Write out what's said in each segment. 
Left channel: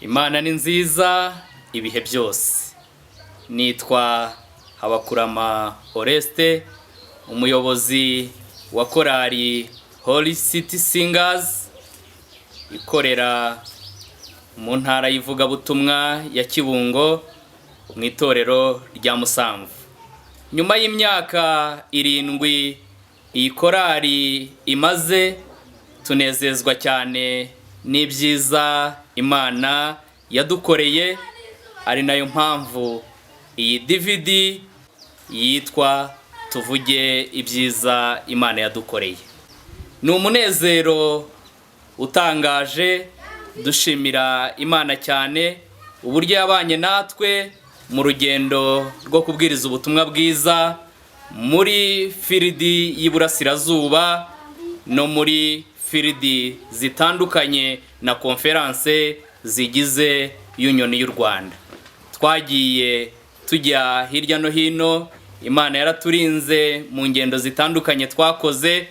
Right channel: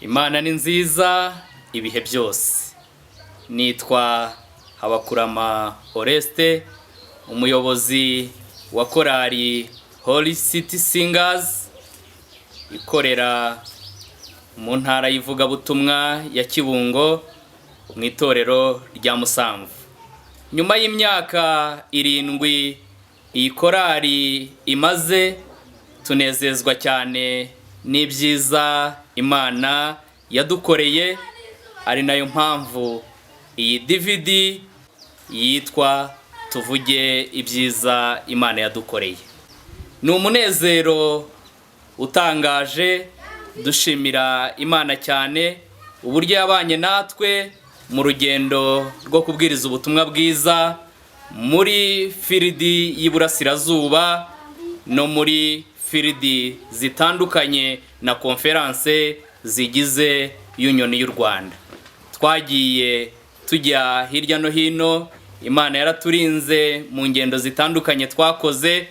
Imana ni nziza ibihe byose. Nitwa Habakurama Oreste, umuyobozi wa korali Holy City Singers ikorera mu ntara y'ivugabutumwa ya Kibungo mu itorero rya Musamvu. Nyuma y'imyaka 7 iyi korali imaze, tunezezwa cyane n'ibyiza Imana yadukoreye, ari nayo mpamvu iyi DVD yitwa Tuvuge ibyiza Imana yadukoreye. Ni umunezero utangaje, dushimira Imana cyane uburyo yabanye natwe mu rugendo rwo kubwiriza ubutumwa bwiza muri firidi y'Iburasirazuba no muri firidi zitandukanye na konferanse zigize Union y'u Rwanda. Twagiye tujya hirya no hino, Imana yaraturinze mu ngendo zitandukanye twakoze,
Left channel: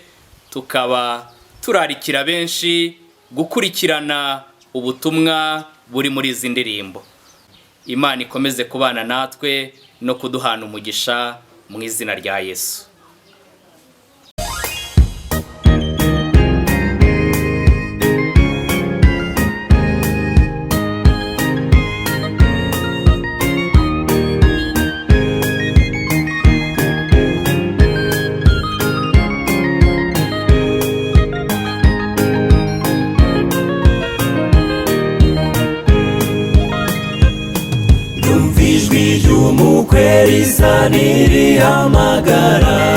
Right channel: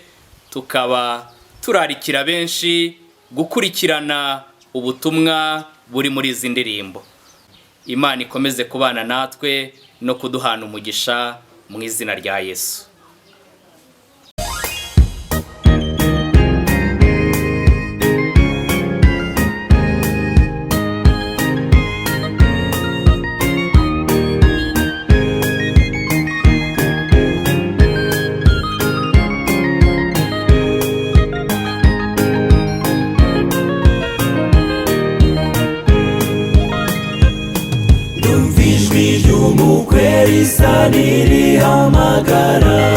tukaba turarikira benshi gukurikirana ubutumwa buri muri izi ndirimbo. Imana ikomeze kubana natwe no kuduhana umugisha mu izina rya Yesu. Nirihamagara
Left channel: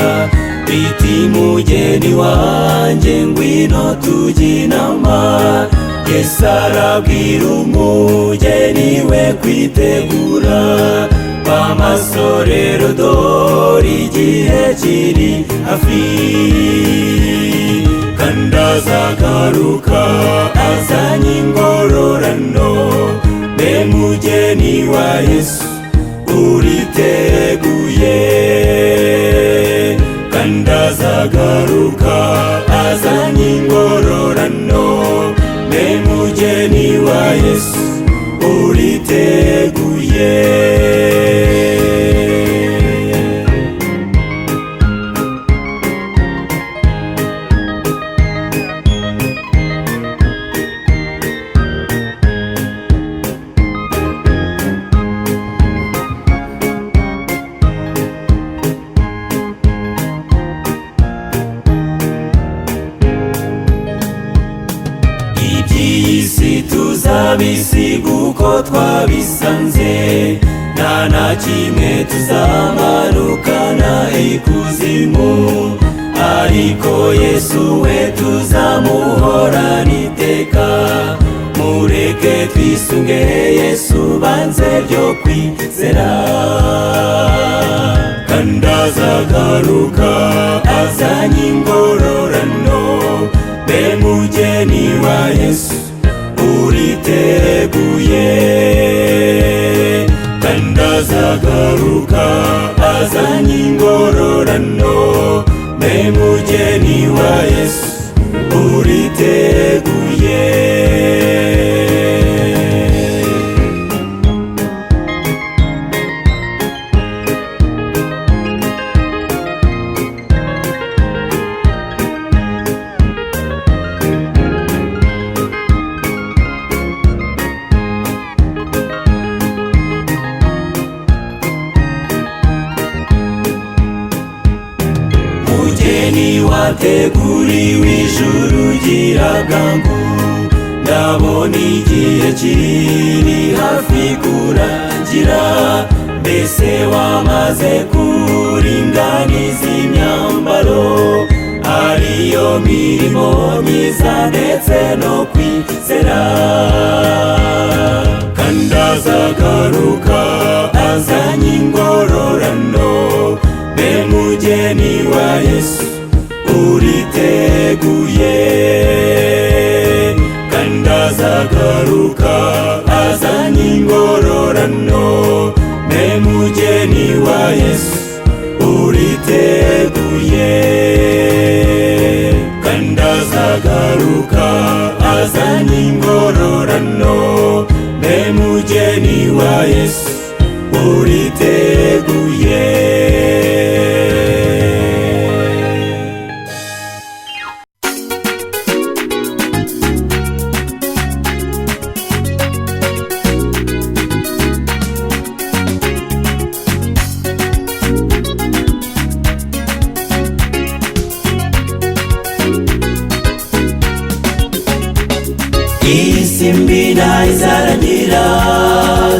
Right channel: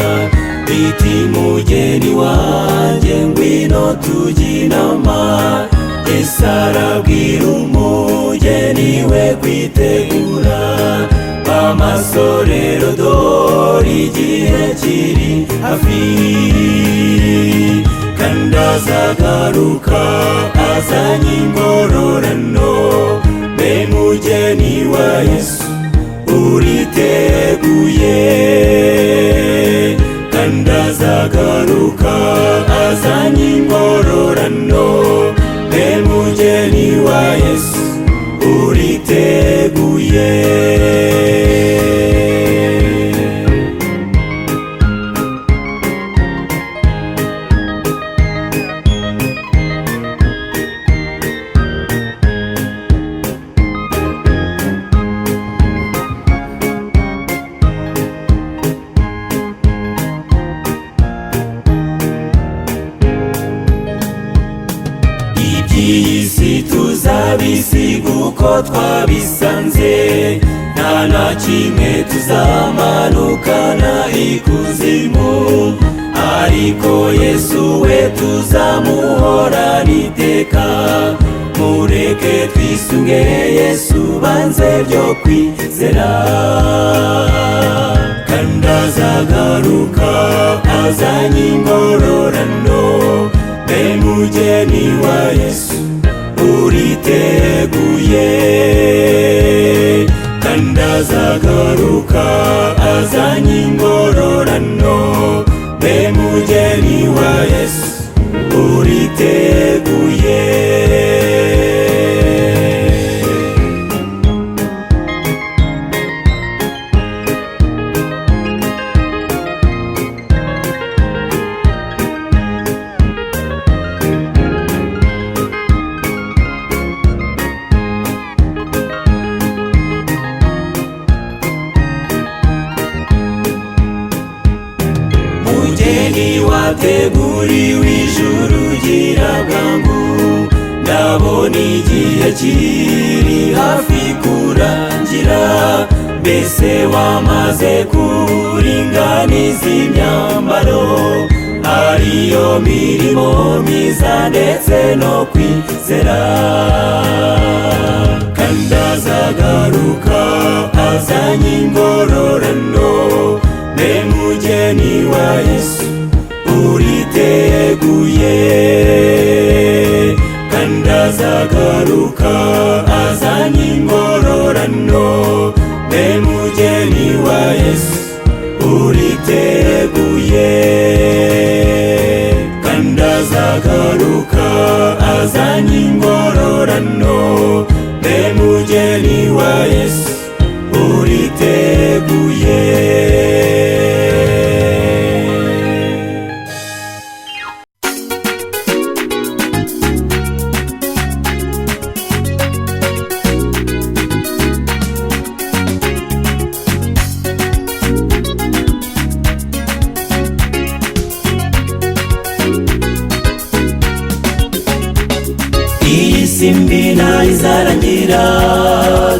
isi mbi izarangira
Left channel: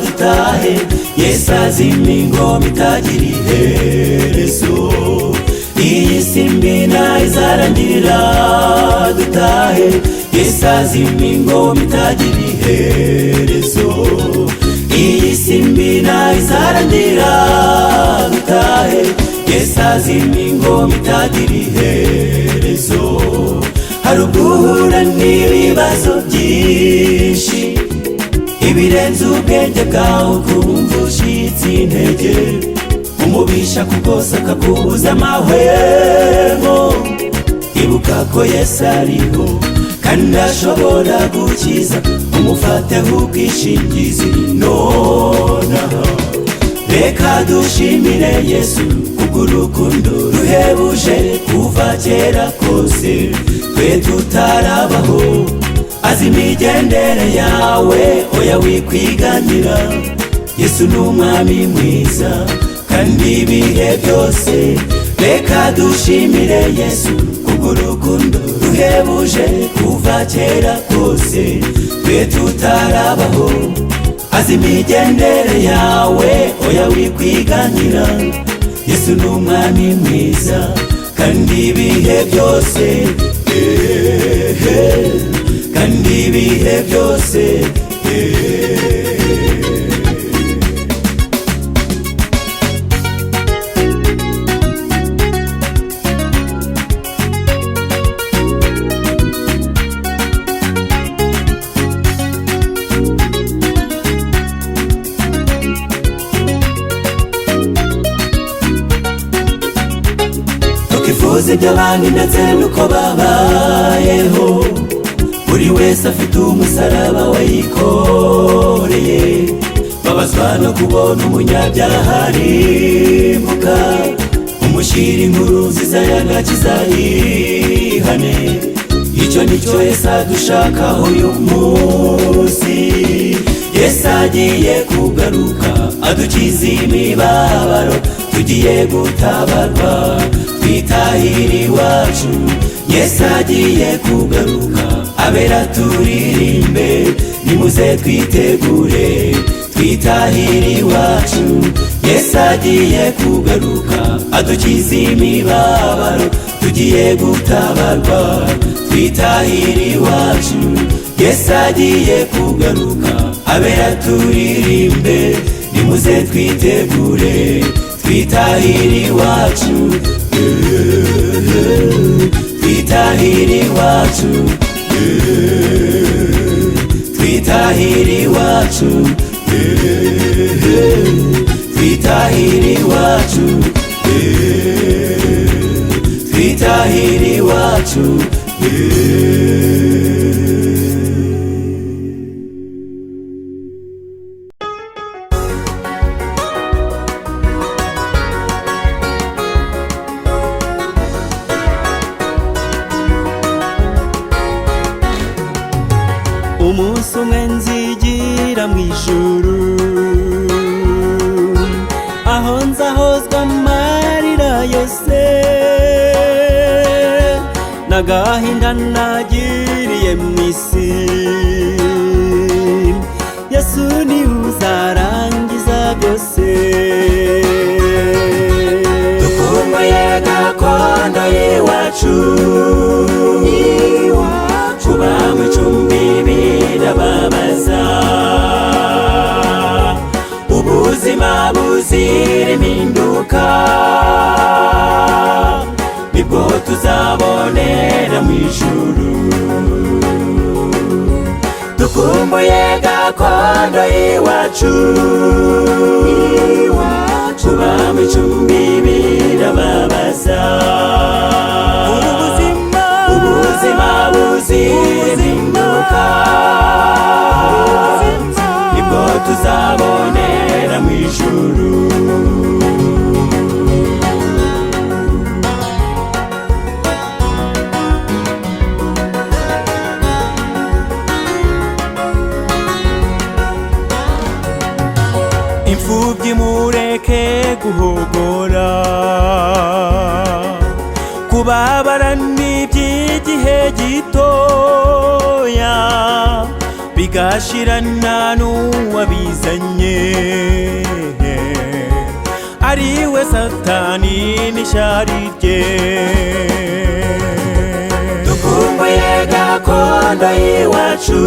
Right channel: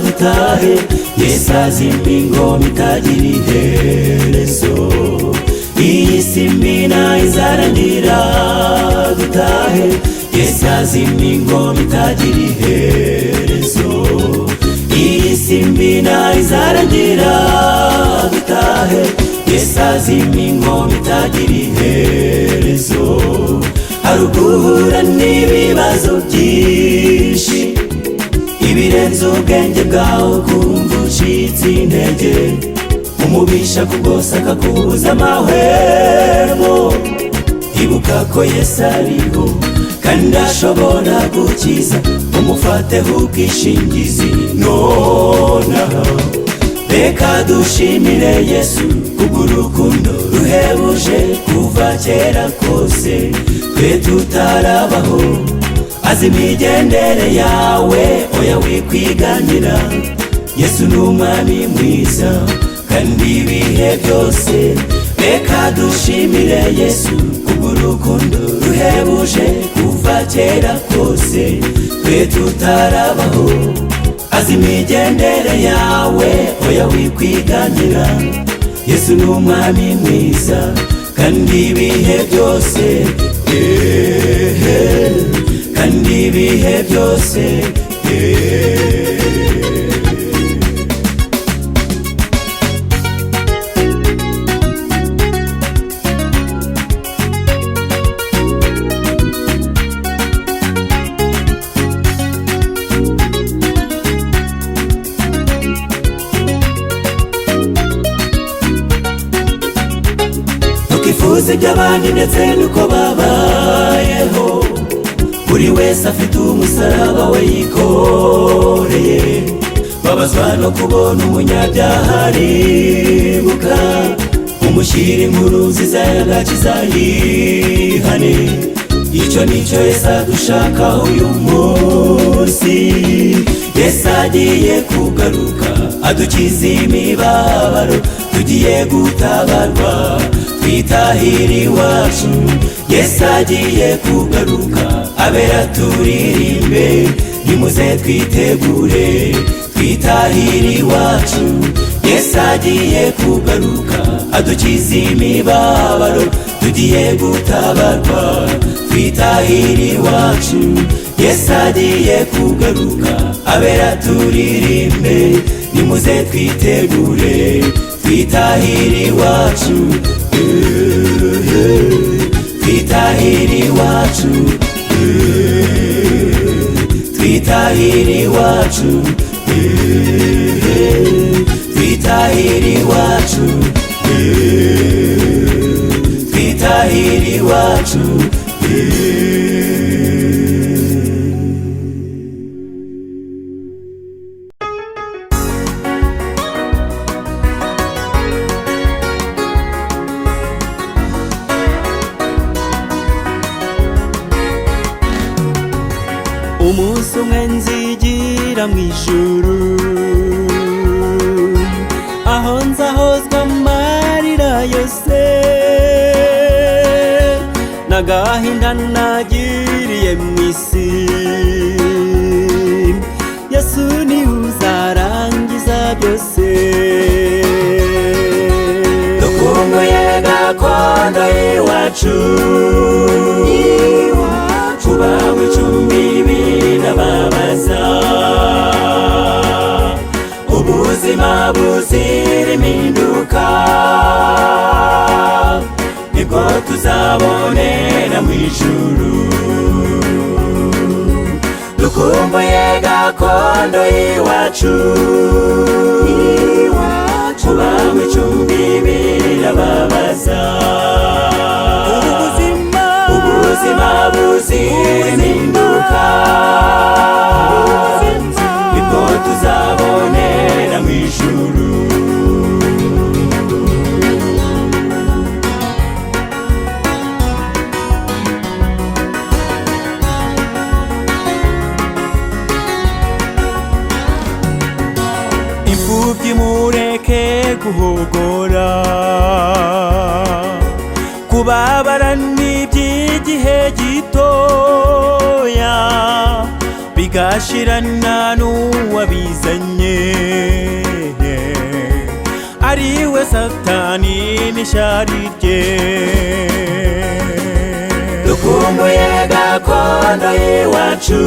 dutahe Yesu azimya ingoma itagira iherezo isi mbi izarangira dutahe Yesu azimya ingoma itagira iherezo isi mbi izarangira dutahe Yesu azimya ingoma itagira iherezo harugura n'ibibazo byinshi ibirenze ubwenge bwawe kumva ucitse intege umubisha kukosa akakubuza amahwemo ibuka ko Yesu ariho kandi ashobora gukiza umufateho ubwishingizi nonaha reka dushimire Yesu kubw'urukundo ruhebuje kuva kera kose twe tutarabaho azi imigendere yawe oya wikwiganira Yesu ni umwami mwiza kandi ibihe byose reka dushimire Yesu kubw'urukundo ruhebuje kuva kera kose twe tutarabaho azi imigendere yawe oya wikwiganira Yesu ni umwami mwiza kandi ibihe byose kandi ibihe byose by'abandi ndetse nuko babayeho buri wese afite umusaraba we yikoreye babazwa no kubona umunyabyaha aribuka umushyira inkuru nziza y'agakiza yihane icyo nicyo Yesu adushakaho uyu munsi Yesu agiye kugaruka adukiza imibabaro tugiye gutabarwa twitahira iwacu Yesu agiye kugaruka abera turirimbe nimuze twitegure twitahira iwacu Yesu agiye kugaruka adukiza imibabaro tugiye gutabarwa twitahira iwacu Yesu agiye kugaruka abera turirimbe nimuze twitegure twitahira iwacu twitahira iwacu twitahira iwacu twitahira iwacu twitahira iwacu umunsi umwe nzigira mu ijuru aho nzahozwa amarira yose n'agahinda nagiriye mu isi Yesu niwe uzarangiza byose dukumbuye gakondo y'iwacu bawe icumbi birababaza ubuzima buzira impinduka nibwo tuzabonera mu ijuru dukumbuye gakondo y'iwacu bawe icumbi birababaza nibwo tuzabonera mu ijuru imfubyi mureke guhogora kubabara n'iby'igihe gitoya bigashirana n'uwabizanye ariwe Satani n'ishari rye. Dukumbuye gakondo iwacu,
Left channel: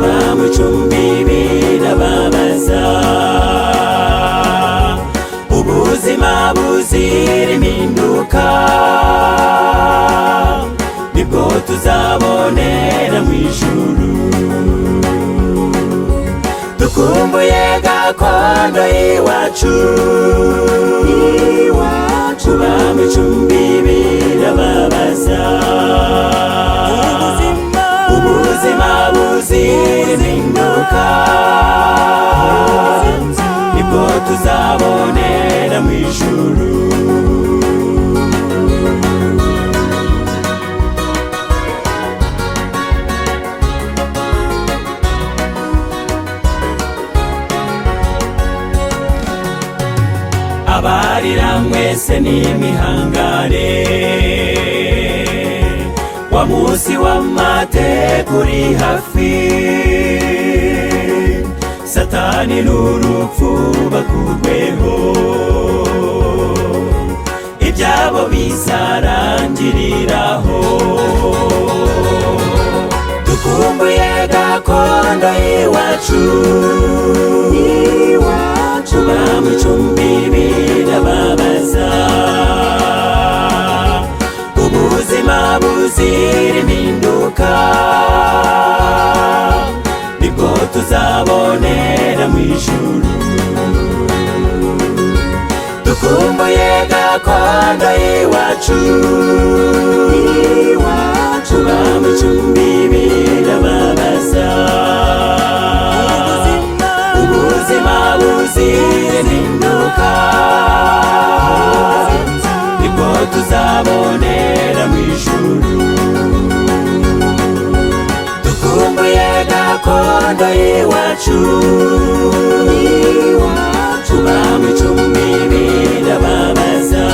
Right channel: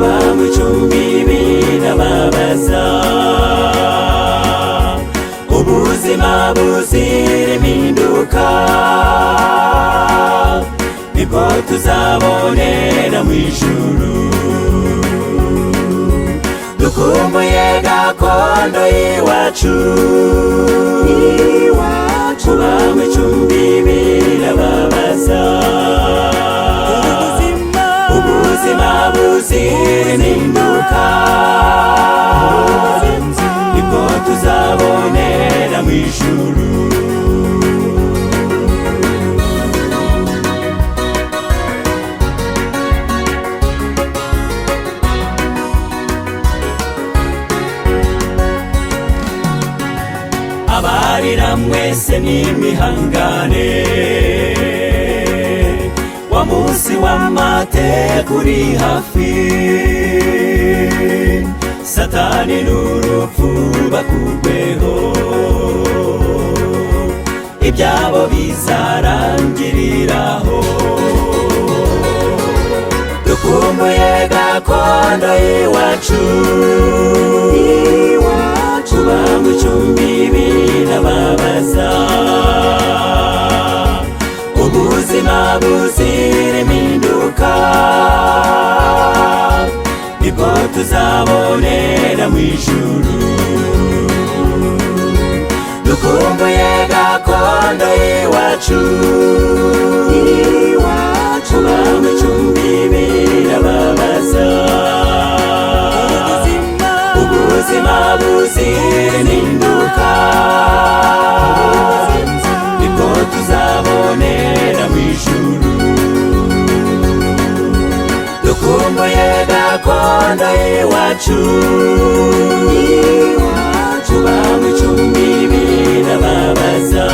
bamwe icumbi birababaza, ubuzima buzira impinduka nibwo tuzabonera mu ijuru. Dukumbuye gakondo iwacu, bamwe icumbi birababaza, ubuzima buzira impinduka nibwo tuzabonera mu ijuru. Abarira mwese nimwihangane, wa munsi w'amateka uri hafi, Satani n'urupfu bakurweho, ibyabo bizarangiriraho. Dukumbuye gakondo iwacu, bamwe icumbi birababaza, ubuzima buzira impinduka nibwo tuzabonera mu ijuru. Dukumbuye gakondo iwacu, bamwe icumbi birababaza, ubuzima buzira impinduka nibwo tuzabonera mu ijuru. Dukumbuye gakondo iwacu, bamwe icumbi birababaza,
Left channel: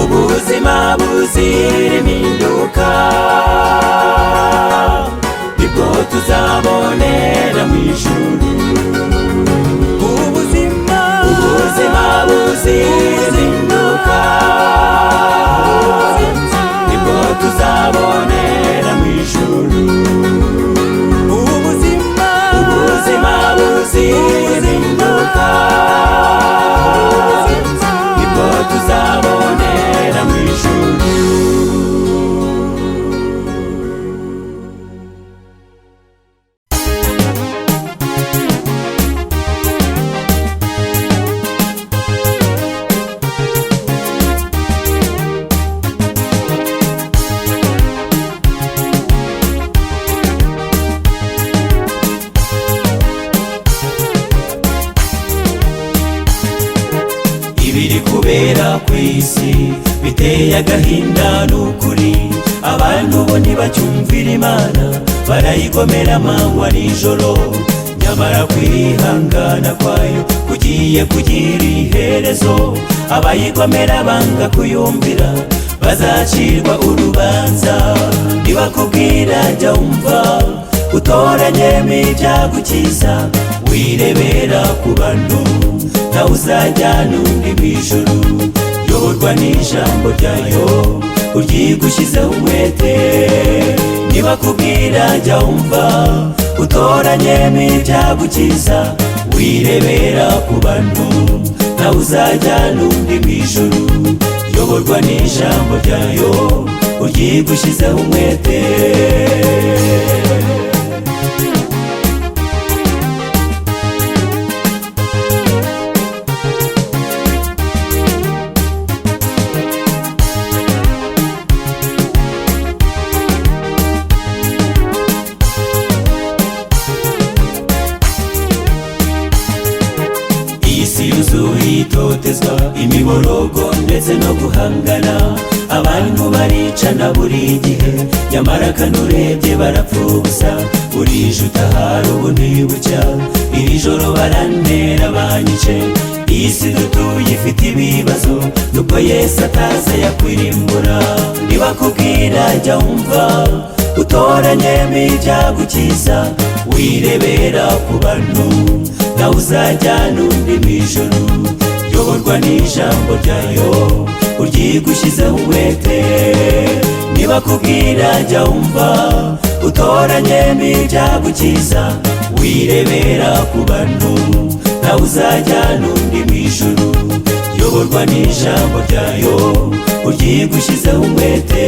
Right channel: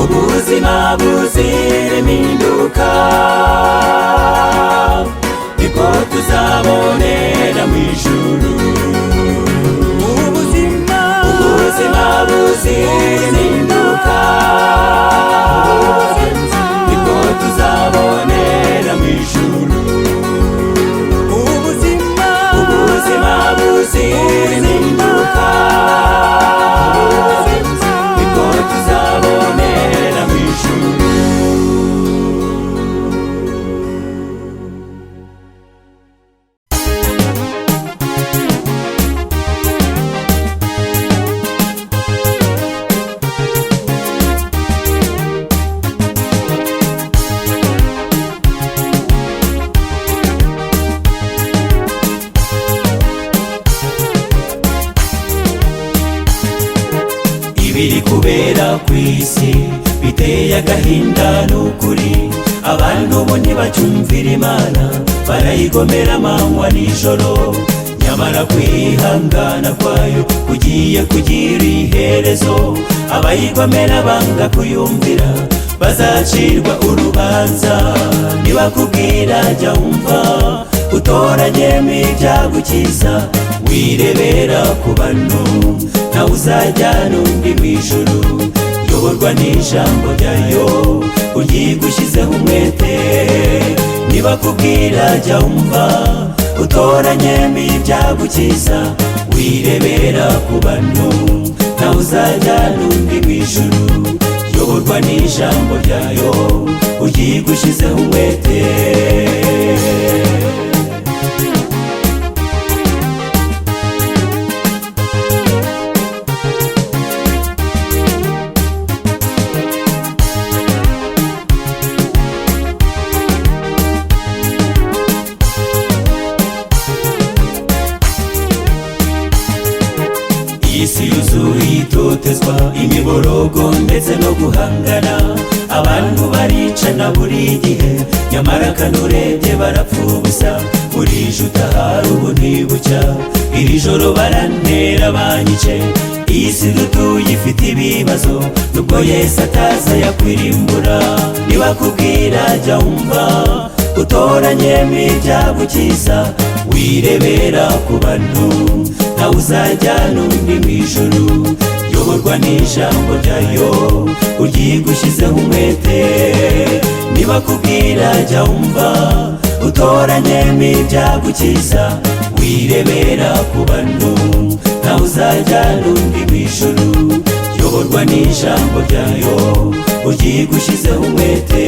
ubuzima buzira impinduka nibwo tuzabonera mu ijuru. Ubuzima buzira impinduka nibwo tuzabonera mu ijuru. Ubuzima buzira impinduka nibwo tuzabonera mu ijuru. Ibiri kubera ku isi biteye agahinda n'ukuri, abantu bo ntibacyumvira Imana, barayigomera amanywa n'ijoro, nyamara kwihangana kwayo kugiye kugira iherezo. Abayigomera banga kuyumvira bazacirwa urubanza. Nibakubwira jya wumva, utoranyemo ibyagukiza, wirebera ku bantu nawe uzajyana undi mu ijuru. Yoborwa n'ijambo ryayo uryigushyizeho umwete. Nibakubwira jya wumva, utoranyemo ibyagukiza, wirebera ku bantu nawe uzajyana undi mu ijuru. Yoborwa n'ijambo ryayo uryigushyizeho umwete. Isi yuzuye itotezwa, imiborogo ndetse no guhangana, abantu baricana buri gihe, nyamara kanurebye barapfubusa. Burije utahari ubu ntibucya, iri joro barantera banyice. Iyi si dutuye ifite ibibazo, nubwo Yesu ataza yakwirimbura. Nibakubwira jya wumva, byagukiza wirebera ku bantu nawe uzajyana undi mu ijuru yoborwa n'ijambo ryayo uryigushyizeho umwete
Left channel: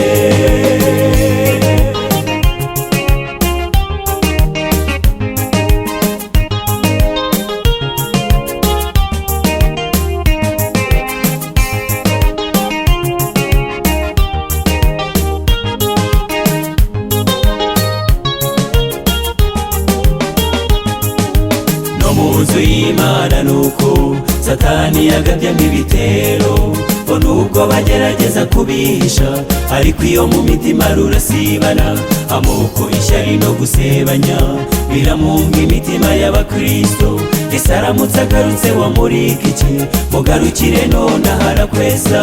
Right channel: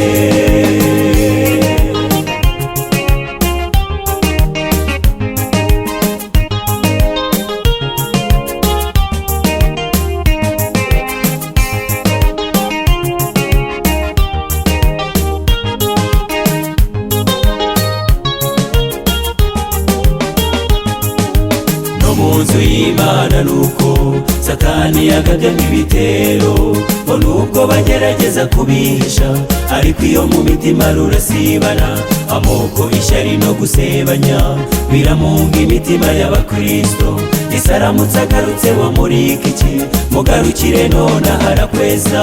Satani yagabyamo ibitero ngo nuko bagerageza kubihisha ariko iyo mu mitima rurasibana amoko ishyari no gusebanya biramunga imitima y'abakristo ese aramutse agarutse wamurika iki mugarukire none harakweza